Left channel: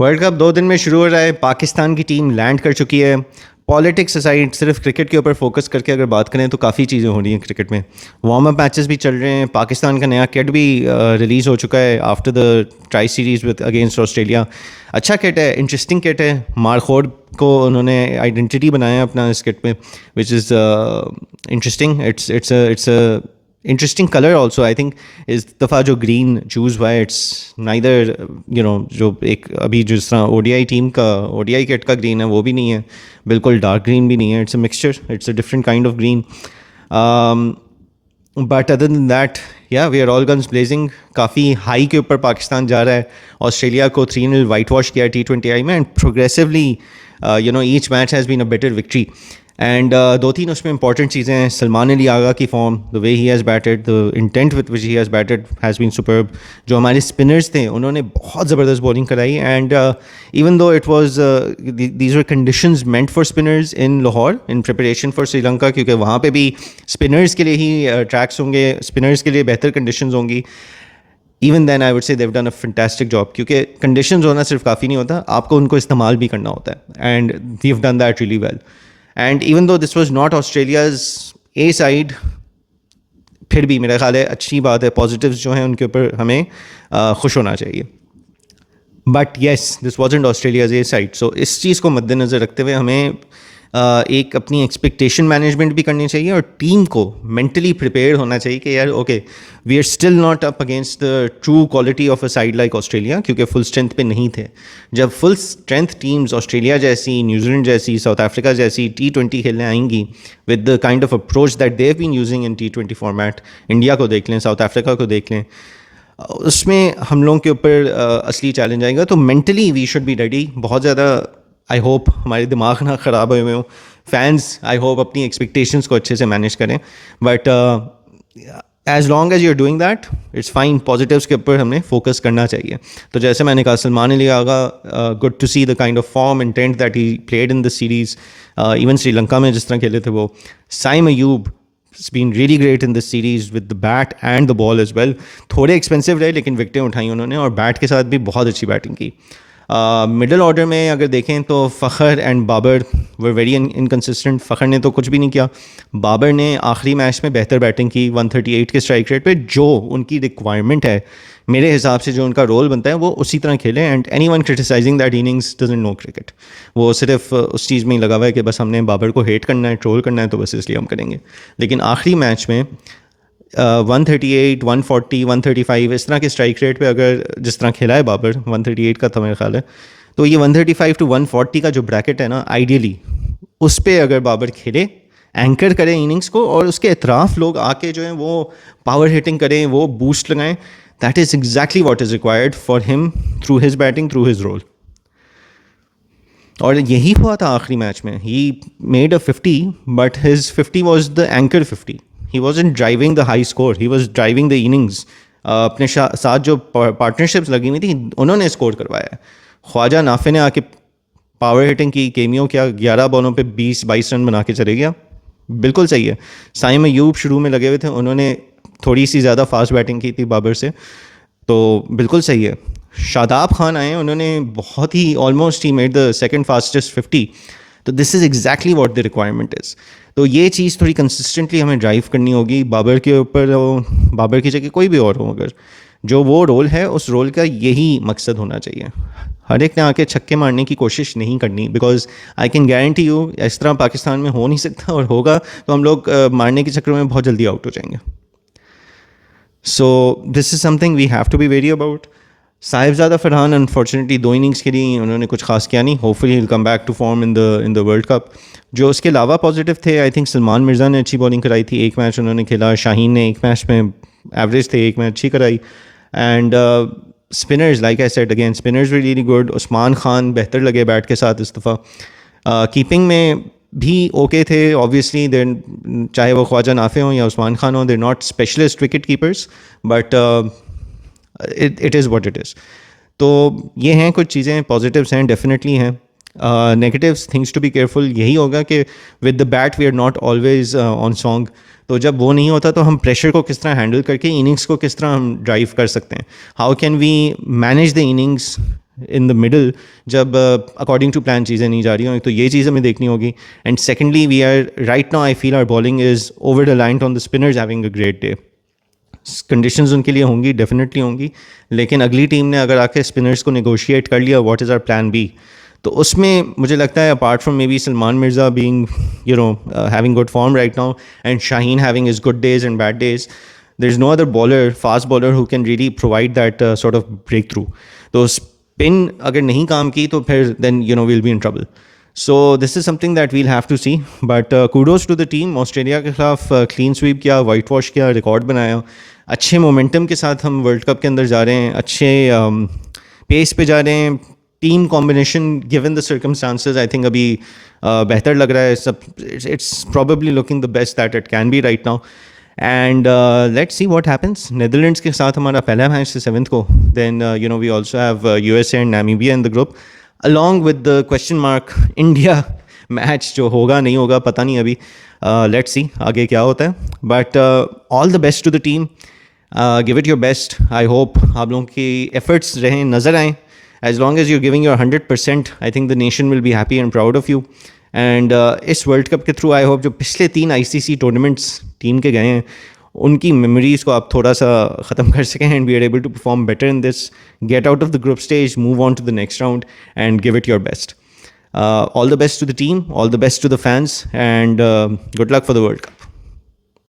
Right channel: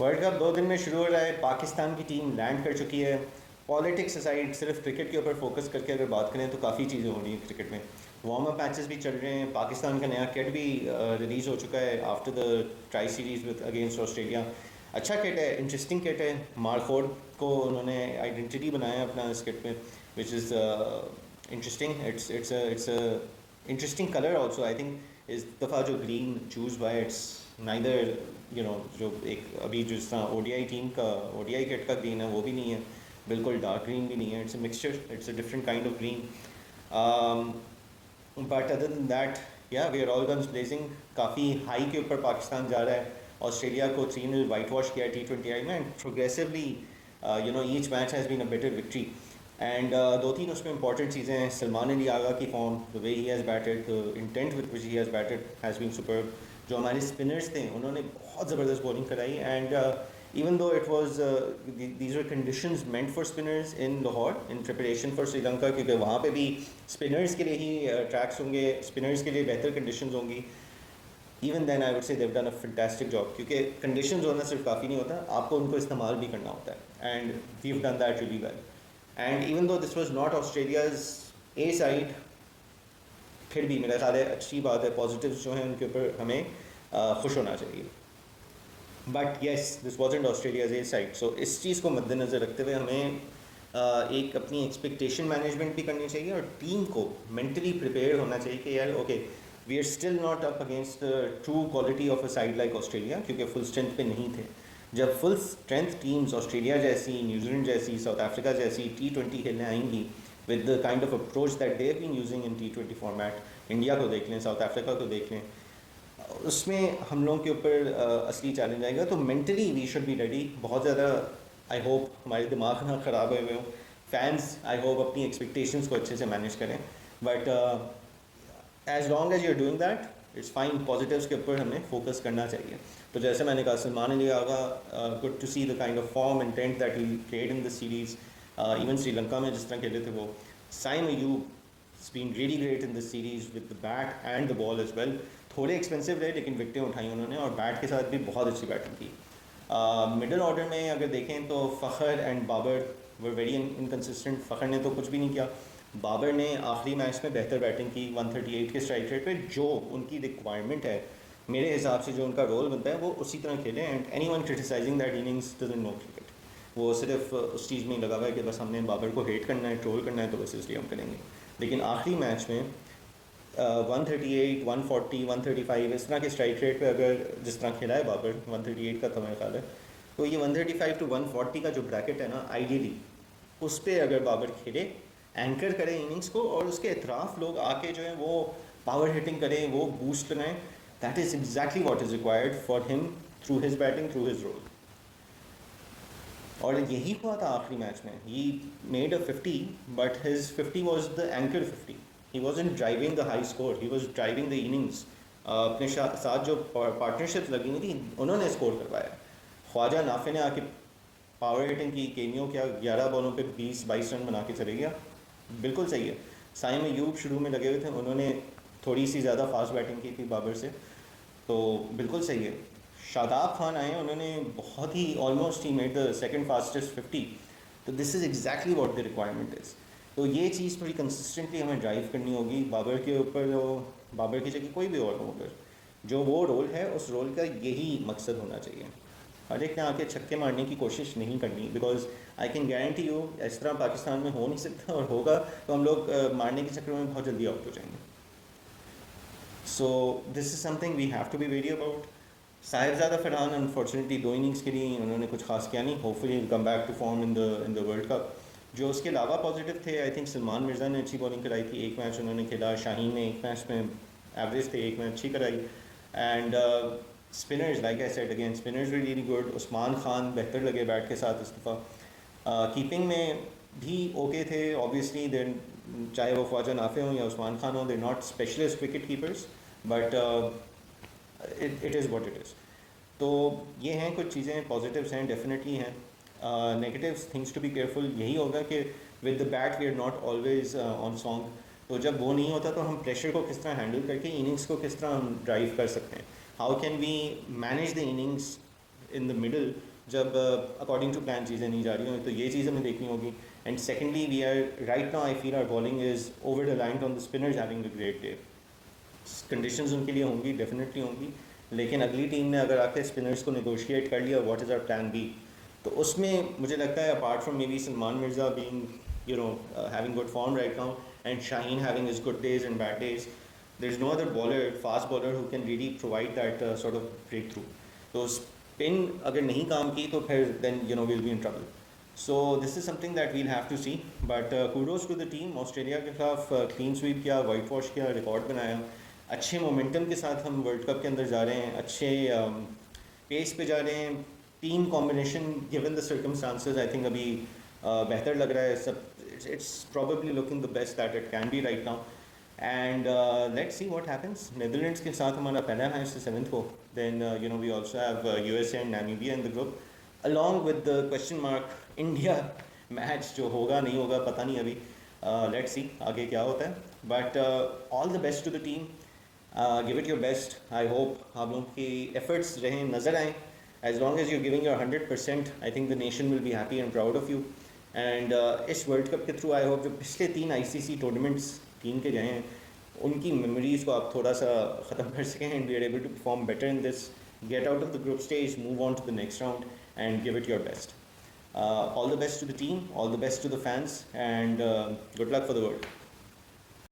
World cup 2 दिन में शुरू हो रहा है। पाकिस्तान की टीम लैंड कर चुकी है। पॉलिटिक्स असाइड सिर्फ क्रिकेट के ऊपर फोकस करके अगर बात करें तो काफ़ी चीज़ें हो रही हैं क्रिकेट में। वार्म अप मैचेस भी चल रहे हैं। पाकिस्तान का नया किट भी रिलीज़ हो चुका है after the try series with against Australia. अच्छा किट है, इंटरेस्टिंग किट है। मारखोड़ को उन्होंने आइडेंटिटी बनाया है अपना इस किट में, which is interesting. It's interesting colour also. I think इस दफ़ा जो ग्रीन चूज़ हुआ है, इट्स नाइदर जो एक अभी जिस तरह ओडीआई टीम का ओडीआई किट का ग्रीन है वो भी नहीं है, बिल्कुल डार्क ग्रीन भी नहीं है। It's a mixture, it's a different kind of green. But other than that yeah we are all guns blazing. काफ़ी हाई के ऊपर पाकिस्तान जा रहा है। ऑस्ट्रेलिया को 3-0 वाइट वॉश किया T20I में, and progressively each match has been a better victory. And 2-3 उसमें इंपॉर्टेंट चीज़ें हैं। सलमान अली आगा की form, the way he has batted, the intent with which he has batted has been superb. जो हमारे spinners थे उन्होंने बहुत ज़बरदस्त बॉलिंग कराई। And even though it was these were conditions meant for spinners in Lahore in preparation for Sri Lanka, क्योंकि वहाँ पे भी स्पिनर्स के लिए ही ट्रैक्स होंगे, स्पिनर्स के लिए बेहतर कंडीशंस होंगी। Even then I would say they've done a fantastic job, क्योंकि कंडीशंस होना सिर्फ काफ़ी नहीं होता, आपको उनको इस्तेमाल भी करना होता है। And we have done that really well. And even though this was not Australia's A side, फिर भी मेरा ख्याल है अच्छी बात है। पॉजिटिव्स जो हैं उनके ऊपर हमें खुश होना चाहिए। But yes, this wasn't Australia's A side. So इस चीज़ को मद्देनज़र रखते हुए हमें एक अपनी एक्सपेक्टेशन मैनेजमेंट भी करनी चाहिए, और टीम को मेंटली प्रिपेयर होना चाहिए कि यार okay, we are still not up against the true quality of a side like Australia, क्योंकि फुल स्ट्रेंथ पे नहीं थे। जब फुल स्ट्रेंथ टीम्स ऑस्ट्रेलिया जैसी, न्यूजीलैंड जैसी, साउथ अफ्रीका जैसी T20 खेलने आएंगी with the kind of approach that they have been using in T20 format, India को देख लें, साउथ अफ्रीका को देख लें, उसमें हम लोगों के ऊपर असली चैलेंज आएगा। तो mentally we should be ready. बहुत ज़्यादा आई होप हमारे दिमाग ना ख़राब हुए हों। फैंस आई होप अपनी एक्सपेक्टेशंस को अच्छे से मैनेज करें। But as long as you are doing that, it's fine. Positives के ऊपर हमने फोकस करना चाहिए। तो जैसे मैंने कहा, Salman Ali Agha, good to see the kind of form intent that he played in the series. Even Sri Lanka में जिस तरह खेले थे वो। Saim Ayub has been really great in this series with the bat and the ball as well. थोड़े एक्सपेंसिव रहे लेकिन विकटें उठाई उन्होंने, और बैट के साथ भी बहुत अच्छी बैटिंग की। मिडल ऑर्डर में अगर देखें तो Fakhar and Babar were very inconsistent. Fakhar ने तो कुछ भी नहीं किया। बाबर ने आखिरी मैच में बेहतर बैटिंग की 138 के स्ट्राइक रेट पे। जो उनकी रिक्वायरमेंट है, मेरे हिसाब से जो उनका रोल बनता है, वो उसी तरह खेलें। And anyone criticising that innings doesn't know cricket. वो सिर्फ उस चीज़ में ही लगा हुआ है कि बस हमने बाबर को हेट करना है, ट्रोल करना है, तो बस इसलिए हम करेंगे। लेकिन आखिरी मैच में 138, 140, 135 इस तरह के स्ट्राइक रेट पे अगर जिस तरह खेला है बाबर, 138 का था मेरा ख्याल है, तो ये 135 to 140 का जो ब्रैकेट है ना, आइडियली उस पर अगर बाबर खेले, एंकर करें इनिंग्स को, और उसके अतराफ लोग आके जो है वो पावर हिटिंग करें, वो बूस्ट लगाएं, that is exactly what is required for him through his batting, through his role. और यही हुआ था आखिरी मैच में। He made a 50, but his 50 was the anchor 50। He wasn't driving the high score, he was driving the innings. अपने साथ जो partnerships लगी हुई थी उन्होंने स्कोर करवाया है। ख्वाजा नाफे ने आके पावर हिटिंग की, केमियो किया, 11 बॉलों पे 20-22 रन बना के चले गया। बिल्कुल सही है। साइम अयूब शुरू में लगे हुए थे, उन्होंने थोड़ी सी ज़्यादा फास्ट बैटिंग की थी बाबर से, तो बिल्कुल सही है। शादाब खान आए, उन्होंने बहुत ही ऑलमोस्ट ही मेड द सेकंड फास्टेस्ट 50। तो this is exactly what the requirement is. तो ये चीज़ थोड़ी कंसिस्टेंटली हमें ड्राइव करनी होगी। बाबर के ऊपर, बाबर की जगह कोई भी और हो, अगर जो वो रोल है, उस रोल का यही मकसद होना चाहिए। हर एक ने आके छक्के मारने की कोशिश नहीं करनी, because I can guarantee you इस तरह पाकिस्तान में हो नहीं सकता, और होगा तो हम लोग मारने के चक्कर में बहुत जल्दी आउट हो जाएंगे। So this is something we have to be very about. Sahibzada Farhan unfortunately 2 innings के लिए उन्होंने कुछ खास किया नहीं। Hopefully he will come back to form in the World Cup. जो उसके अलावा पॉजिटिव थे, आई थिंक सलमान मिर्ज़ा ने अच्छी बॉलिंग कराई थी। एक मैच उन्होंने खेला। शाहीन ने एक मैच में एवरेज थे, एक मैच अच्छी कराई। And spinners, like I said again, spinners were really good. Usman Khan बेहतर लगे बैट के साथ इस दफ़ा। कीपिंग में भी ओके थे। ऑब्वियसली देर, चाहे वो ख्वाजा नाफे हों या उस्मान खान हों, there not specialist wicket keepers, but it is what it is. तो ये हैं कुछ चीज़ें, पॉजिटिव्स हैं, डेफिनेटली हैं। Negatives, things to be careful, यही होगा कि with the bat we are not always on song. तो जब वो नहीं होता तो हम प्रेशर को किस तरह हैंडल करके इनिंग्स को किस तरह हम ड्राइव कर सकते हैं। How can we manage the innings in the middle जब अकॉर्डिंग टू प्लान चीज़ें नहीं जा रही हों, तो ये चीज़ हमें देखनी होगी. And secondly we are right now I feel our bowling is over reliant on the spinners having a great day. Conditions उनके लिए होंगी, डेफिनेटली होंगी, लेकिन अगली टीम ने अगर आके स्पिनर्स को नेगोशिएट कर लिया what is our plan B, तो उसमें मुझे लगता है apart from maybe Salman Mirza being having good form right now and Shaheen having his good days and bad days, there is no other bowler, fast bowler who can really provide that sort of breakthrough. तो spin अगर नहीं काम की तो फिर then we'll be in trouble. So this is something that we'll have to see. But kudos to the team. Australia के खिलाफ clean sweep किया, white wash किया, रिकॉर्ड बनाया, अच्छे मोमेंटम के साथ हम वर्ल्ड कप के अंदर जा रहे हैं, अच्छे पेस पे जा रहे हैं. Team combination given the circumstances I think अभी बेहतर लग रहा है. सब it's probably looking the best that it can be right now. And let's see what happens. Netherlands के साथ हमारा पहला मैच है 7th को. Then we also have USA and Namibia in the group along with the question mark India match जो होगा नहीं होगा पता नहीं अभी. लेट्स सी आगे क्या होता है. But all the best to the team. Give it your best. I hope आप लोगों की एफर्ट्स रहें, नज़र आएँ. As long as you're giving your 100%, I think the nation will be happy and proud of you. And इस world cup के through I hope जो पिछले 3 ICC टूर्नामेंट्स टीम के गए हैं उनकी मेमोरीज़ को आप थोड़ा सा ख़त्म कर सकें and we are able to perform better in this, get out of the group stage, move on to the next round and give it your best. All the best to the team, all the best to the fans, and good luck for the World Cup.